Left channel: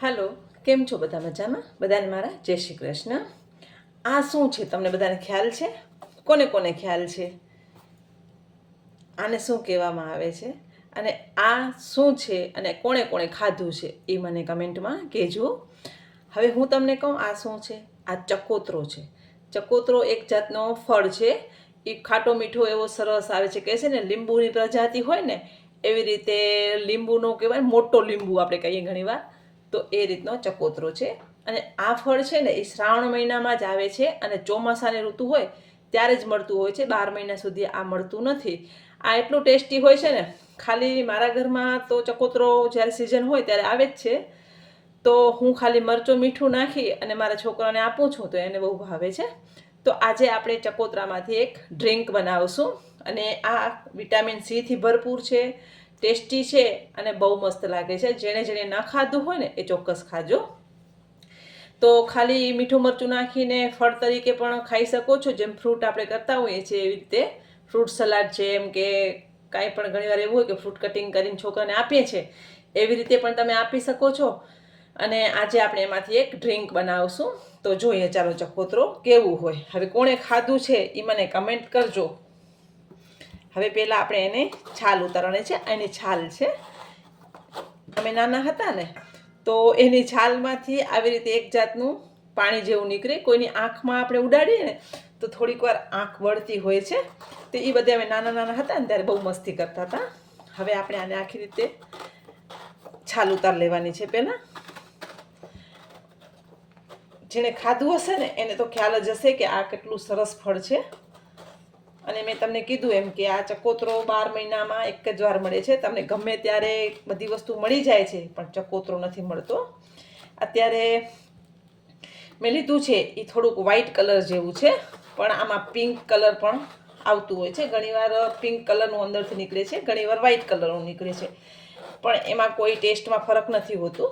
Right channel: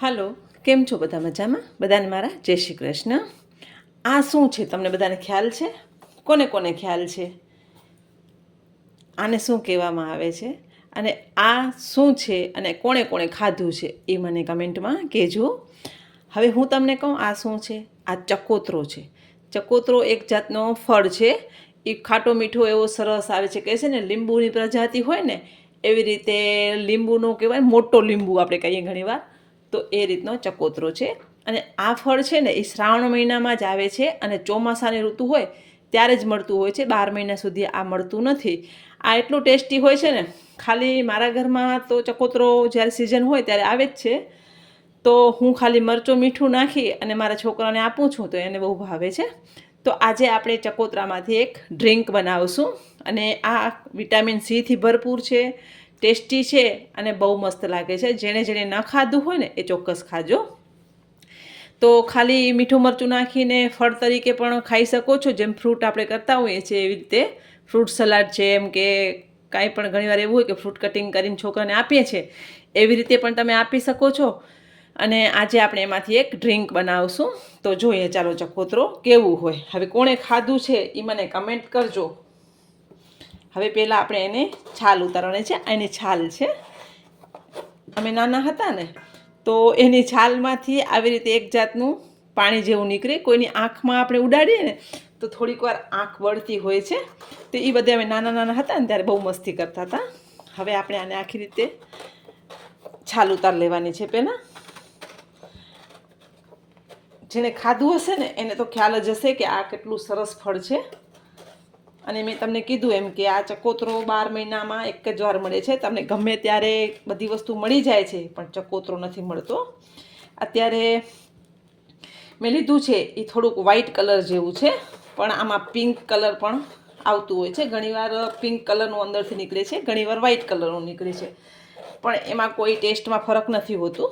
હાલો, કેમ છો બધા? મજામાં? બધાને મારા જય શ્રી કૃષ્ણ. આ શું છે તમને બધાને ખ્યાલ છે? કોને કોને ખ્યાલ છે? આને શું કહેવામાં આવે છે? અને આ શું છે અને કોણે કોણે ખાધું છે એ મને કમેન્ટમાં કહેજો. હવે હું તમને કહું આ શું છે. આ ચકોતરો છે. ચકોતરો એક જાતનો ફળ છે. એ ખાટો મીઠો એવો સરસ આવે છે. કહે છે ને લીંબુની પ્રજાતિ હોય ને એવી રીતે લીંબુનો કહેવાય, મોટો લીંબુ આપણે કહીએ ઘણીવાર, તો એ રીતનો ચકોતરો છે. અને આ ફળ છે ને એ શ્રાવણ મહિનામાં જ આવે છે અને ચોમાસાની ઋતુ હોય ત્યારે જ મળતું હોય છે. 12 મહિના સુધી આ મળતું નથી. આ એટલું ટેસ્ટી હોય છે ને, ખાલી મારા ઘરમાં તો ચકોતરો જ્યારે સિઝન હોય ત્યારે આવે જ છે. તો હું ખાલી મરચું મીઠું નાખી અને મારા છોકરાને આપું છું તો એને બહુ ભાવે છે. તો આજે આપણે ચકોતરામાંથી એક ડ્રિંક બનાવશું અને આ વિટામિન સીથી ભરપૂર છે, ટેસ્ટી છે અને બહુ મસ્ત લાગે છે. જેણે ન ખાધું હોય ને એ ચોક્કસ ખાજો. તો ખાલી મીઠું મરચું નાખીને ફળ તરીકે પણ ખાઈ શકો છો, જેમ ફ્રૂટ આપણે કરતા હોઈએ છીએ એવી રીતે. ફ્રૂટ સલાડ છે એમ કે કાંઈ પણ ઘણીવાર એવું હોય કે ફ્રૂટ કટિંગ કરીને છોકરાને આપીએ છીએ, એવી રીતે પણ તમે આપી શકો છો. અને આજે આપણે એમાંથી એક ડ્રિંક બનાવશું. તો જોઈએ ચાલો ચકોતરો કેવું હોય. હવે કોણે ખાધું છે એ મને કમેન્ટ કરજો. હવે પહેલાં આપણે એને છાલ ઉતારવાની છે. એની છાલ છે, અમે નાના હતા ને તો એની છાલમાંથી આવી રીતે એક જાતનું પાણી જેવું નીકળે. કોઈની આંખમાં આપણે ઉડાડીએ ને તો થોડીક વાર આંખ વળતી હોય છે. તો એ બધે અમે નાના નાના હતા ને ત્યારે બહુ મસ્તી કરતા હતા. હવે આપણે આને આખી રીતે છાલ ઉતાર લેવાની છે. પહેલાં જેણે ખાધું હશે ને એને તો ખ્યાલ જ હશે કે આ કેટલું સરસ ફળ છે. અને મેં તમને કીધું એમ કે આ ચકોતરો 12 મહિનામાં એક જ વાર મળે છે. તમને ગમે ત્યારે બધી વસ્તુ મળી જાય છે પણ ચકોતરો નથી મળતો. અત્યારે મેં લીધું છે એ થોડુંક વ્હાઈટ કલર જેવું છે, પણ આમાં પિંક કલર પણ આવતું હોય છે. ઘણીવાર પિંક કલરનું અંદરથી નીકળે છે, ઘણીવાર વ્હાઈટ કલરનું નીકળે છે, પણ એમાં કોઈ ટેસ્ટમાં ફરક નથી હોતું.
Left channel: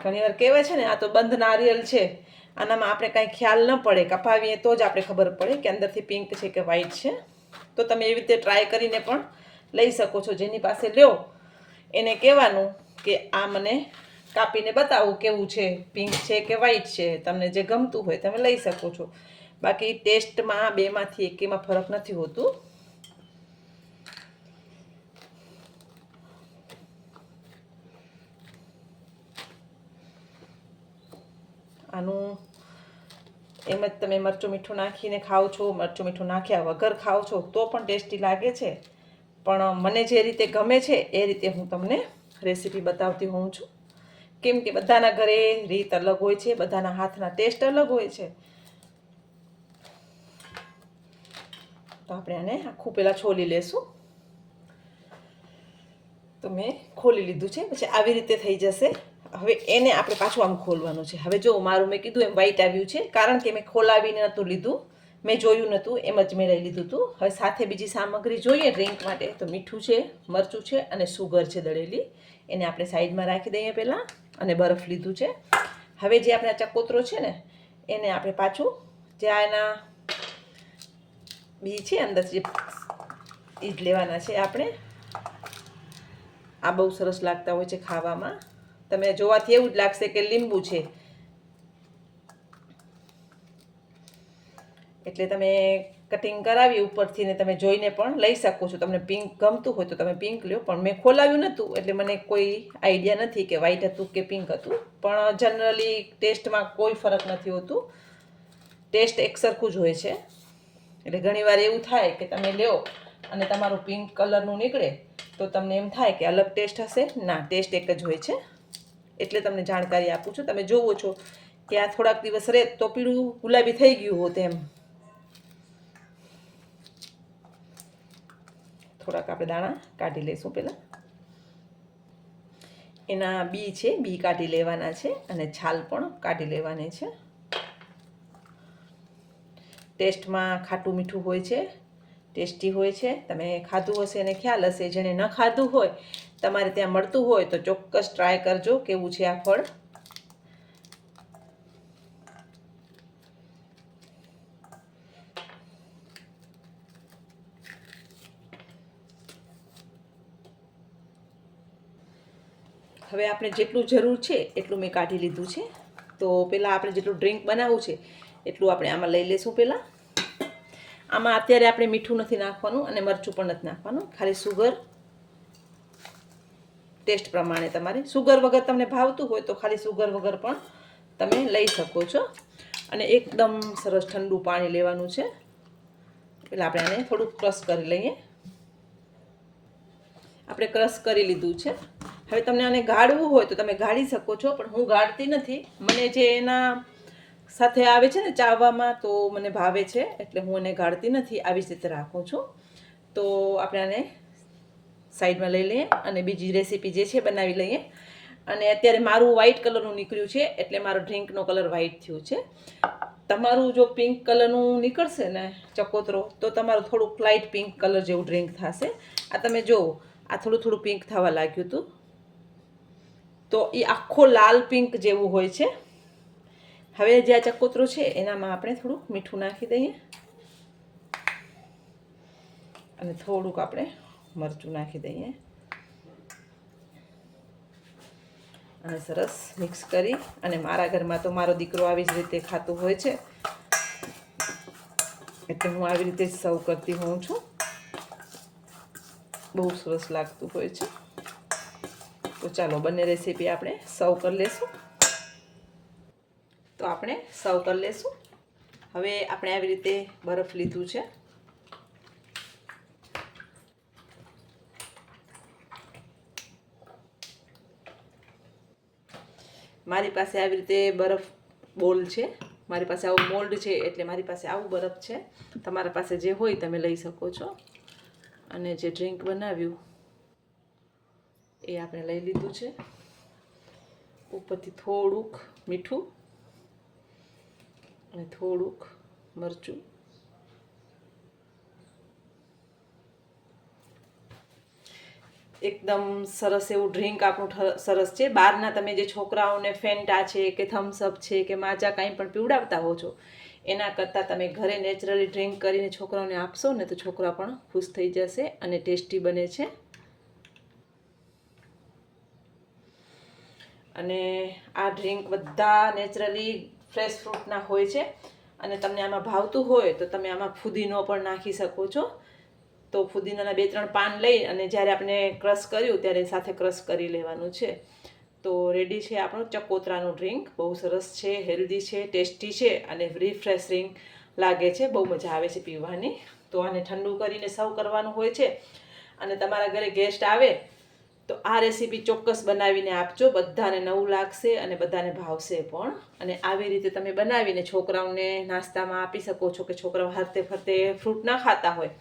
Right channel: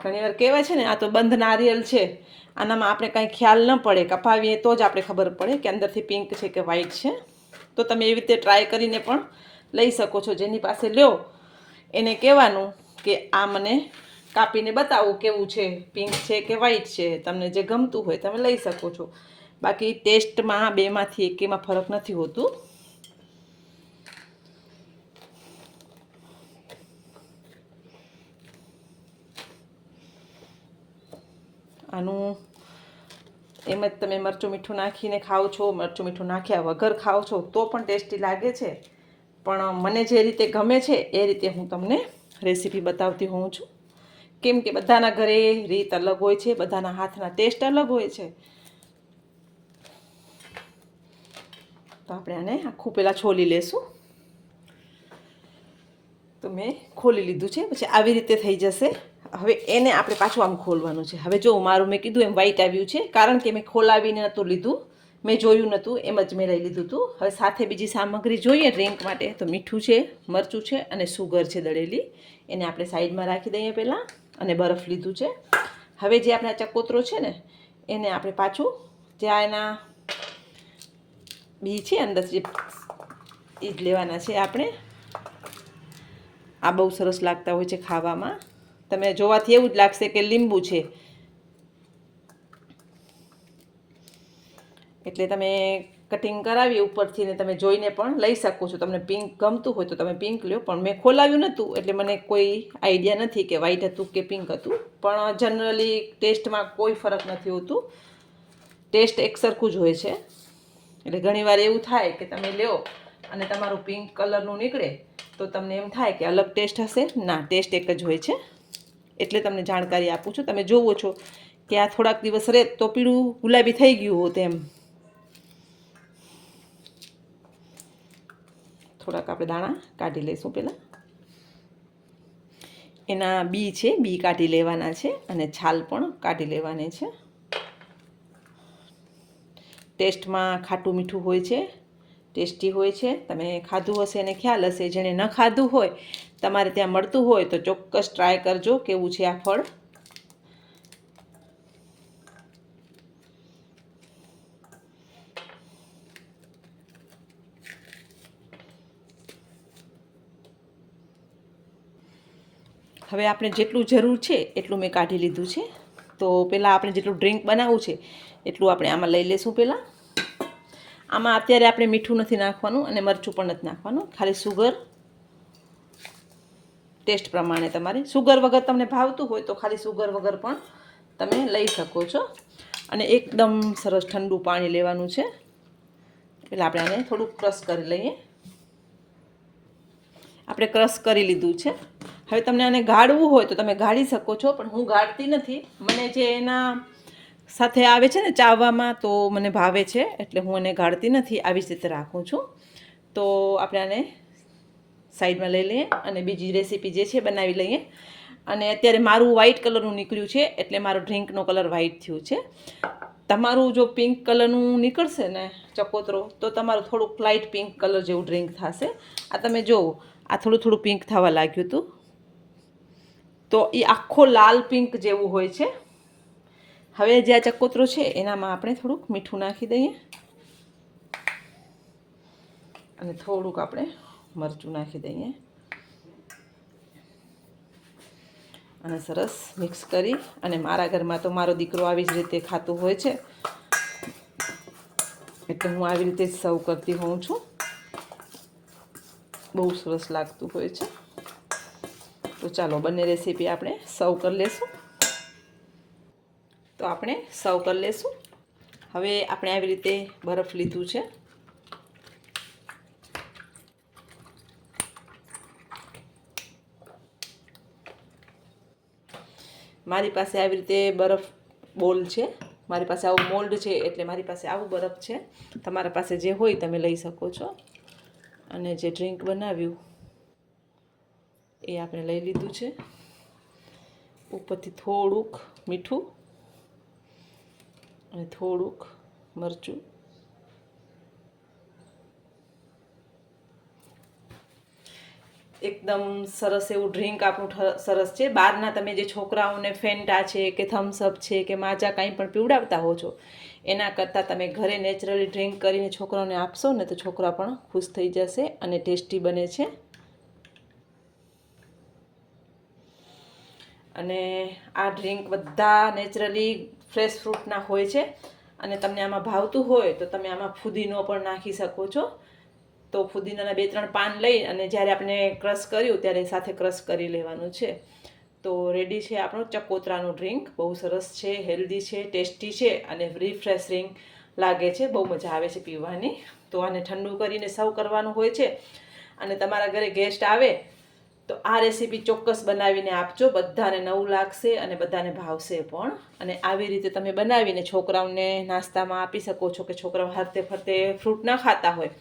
ઘણીવાર કહેવાય છે ને આ તો બંધ નારિયેલ છે, આનામાં આપણે કાંઈ ખ્યાલ ન પડે, કપાવીએ તો જ આપણે ખબર પડે કે અંદરથી પિંક છે કે વ્હાઈટ છે. તો તમે એવી રીતે ટ્રાય કરીને પણ લઈ શકો છો. જેની પાસે લ્યો એને કહેવાનું કે આ મને કાપીને બતાવો કેવું છે, પિંક છે કે વ્હાઈટ છે. તમને જે ગમતું હોય તમે લઈ શકો છો. બાકી ટેસ્ટમાં બેમાંથી એકેમાં ફરક નથી હોતું. આનું એમ જ તમે મરચું મીઠું નાખીને ખાઓ છો, મરચું મીઠું નાખ્યા વગર ખાઓ છો તો પણ ટેસ્ટી લાગે છે. પણ મને જે રીતે ગમે છે એ રીતે હું તમને રેસીપી બતાવતી હોઉં છું. કેમ કે બધાના ઘરે રીત અલગ હોય છે, બધાના હાથના ટેસ્ટ અલગ હોય છે. તો આપણે આને આખું પહેલાં છોલી લેશું. તો મેં ખોલી લીધું છે. પછી આવી રીતે થઈ જશે. હવે એને આપણે પાછું આમ ખોલવાનું છે. હવે જો મારું મેં કીધું એમ વ્હાઈટ આવ્યું છે, કારણ કે મેં ખોલાવીને નહોતું લીધું, મેં જોયું નહોતું, એમ જ મેં લઈ લીધું હતું. હવે સાથે બીજી સામગ્રી જોઈએ ડ્રિંક માટે તો મીઠું છે, મરચું છે અને સુગર છે દળેલી. એને આપણે સાઈડમાં રાખી દઈએ પહેલાં. અને બરફ લીધું છે. હવે જે આપણે ચકોતરો છે ને એને આપણે પાછું જ્યાં એના બી છે અંદર જે એ જ લેવાના છે આપણે. આ બહુ સરસ લાગતા હોય છે ખાવામાં. તમે જોવાથી એવું જ લાગશે કે લીંબુ છે. એટલે તમે કટિંગ કરાવી ઉપરથી ને તમે જોઈને પણ લઈ શકો છો. તમને પિંક ગમતું હોય તો તમે પિંક લો, પણ મેં ખોલાવ્યું નહોતું એટલે મને કોઈ આઈડિયા નથી કે વ્હાઈટ હતું કે પિંક હતું. પણ જનરલી ટેસ્ટમાં કોઈ ફરક નથી હોતું, ટેસ્ટ એક સરખું જ હોય છે. એટલે ઘણીવાર એવું થાય કે તમે લ્યો અને તમારું પિંક કલરનું નીકળે તો તમને એમ થાય કે અલગ ટેસ્ટ હશે. ના, ટેસ્ટ એક જ હોય છે. એટલે તમને જાણકારી આપું છું. તમે જોવો છો કે આ થોડાક દિવસ રહે તો પીળું ગુલાબી થઈ ગયું હોત એમ. થોડાક આપણે દાણા કાઢી લઈશું પહેલાં. એના બી છે, બી કાઢી લેવાના છે અને છાલ પણ કાઢી લેવાની છે. ટેસ્ટમાં ખાટું મીઠું હોય છે, ટેસ્ટી હોય છે. તમે ખાધું હશે એને ખ્યાલ હશે. જેણે ન ખાધું હોય, તમારે ત્યાં મળતું હોય તો ચોક્કસ ટ્રાય કરજો કેવું છે આ ફળ. હવે આપણે જેટલું જરૂર છે એટલું મેં કાઢી લીધું છે. તો પહેલાં આપણે જેટલું ડ્રિંક બનાવવું છે એટલું આપણે આમાં લઈ લઈશું. પહેલાં આમાં અત્યારે આપણે મીઠું નથી નાખવાનું અને મરચું પણ નથી નાખવાનું, ખાલી સુગર ટેસ્ટ પ્રમાણે. તમારે સુગર વગર તમને ભાવતું હોય તો ખાલી સુગર વગર પણ તમે લઈ શકો છો. અને એકદમ સરસ ઠંડુ પાણી લેવાનું છે. પહેલાં આપણે આને થોડુંક ક્રશ કરી લઈએ. આપણે ક્રશ કરી લીધું છે. હવે તમને આને ગાળવું હોય તો તમે ગાળી શકો છો, પણ હું ગાળતી નથી. મને જે એના સાથે આવે છે ને ચાવવામાં, તો મને ભાવે છે, એટલે હું એને ગાળતી નથી, આવી જ રીતે રાખું છું. તો આપણે આને સાઈડમાં લઈ લઈએ અને બીજી રેસીપી જે છે બનાવી લઈએ. અને અત્યારે મારું વ્હાઇટ કલરનું નીકળ્યું છે, એટલે મારો ડ્રિંકનો કલર વ્હાઇટ થયું છે. તમારું જો પિંક કલરનું નીકળશે ને ચકોતરો, તો તમારું થોડુંક લાઇટ પિંક કલર જેવું ડ્રિંક થશે. આ તમે જુઓ, આ થોડું થોડું પિંક થવા લાગ્યું હતું, તો એ આખો લાલ પિંક જેવું હોય છે. હવે જે આ ચકોતરો છે એનામાં આપણે થોડુંક મીઠું નાખી દઈએ અને થોડુંક આપણે મરચું નાખી દઈએ અને સરસ મિક્સ કરી. અને મારા ઘરમાં તો મારો દીકરો આવી જ રીતે ખાતો હોય છે, એટલે હું આવી રીતે જ સર્વ કરતી હોઉં છું. બહુ સરસ લાગતું હોય છે. તો ચાલો બંને રેસીપી આપણે સર્વ કરી લેશું. તો આપણે સર્વ કરી લેશું. હવે આપણે આવી રીતે બરફ લીધું છે. મારી પાસે આવી રીતે બરફ બોલ છે, મારી પાસે આવું મોલ્ડ છે, એટલે મારી પાસે આવું બરફ છે. તમારા પાસે જે હોય તમે લઈ શકો છો. અને જે ડ્રિંક બનાવ્યું એ આપણે લઈ લીધું છે. ઉપરથી થોડુંક મીઠું અને થોડુંક મરચું. એકદમ સરસ એવું ડ્રિંક આપણું સરસ છે. બહારના તમે જે છોકરાઓને ફેન્ટા છે કે થમ્સઅપ છે કે માજા કાંઈ પણ પીવડાવતા હો છો, એના કરતાં તમે ઘરે નેચરલી ડ્રિંક કરીને છોકરાઓને આપશો ને તો છોકરા પણ ખુશ થઈ જશે અને ટેસ્ટી બને છે. અને આ ડ્રિંક બધા નેચરલી ફ્રેશ ફ્રૂટના હોય છે. અને તમને આમાં ભાવતું હોય તો તમે આમાં ફુદીનો પણ નાખી શકો છો. તો ફુદીનાના 2-3 પાન લઈ અને જ્યારે આપણે ક્રશ કર્યું ત્યારે સાથે ક્રશ કરી લેવાનું છે. તો રેડી છે આપણું ચકોતરાનું ડ્રિંક. બહુ સરસ છે, હેલ્ધી છે, ટેસ્ટી છે અને રિફ્રેશિંગ લાગે છે. બહુ મજા આવે છે પીવાની. તો આને ઠંડુ કરીને સર્વ કરવાનું હોય છે. અને તમારા ઘરે ગેસ્ટ આવે તો આ રેસીપી ચોક્કસ બનાવીને આપજો. બધાને નવું લાગશે અને બધાને ભાવશે પણ. અને આવી રીતે તમે બનાવીને છોકરાઓને નાસ્તામાં આપી શકો છો, કે છોકરાઓ હાથે ફરતે ફ્રૂટ ના ખાતા હોય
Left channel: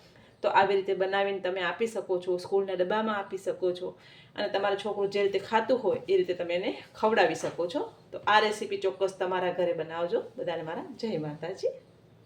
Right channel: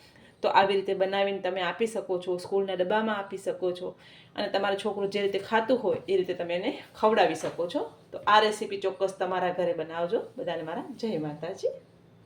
તો આવી રીતે બનાવીને તમે આપી શકો છો. સ્કૂલના ડબ્બામાં આપી શકો છો. અને તમારું છોકરું જે રીતે ખાતું હોય એ રીતે તમે એને ખવડાવી શકો છો. તો આ રેસીપી ચોક્કસ તમારા ઘરે બનાવજો. બધાને મારા જય માતાજી.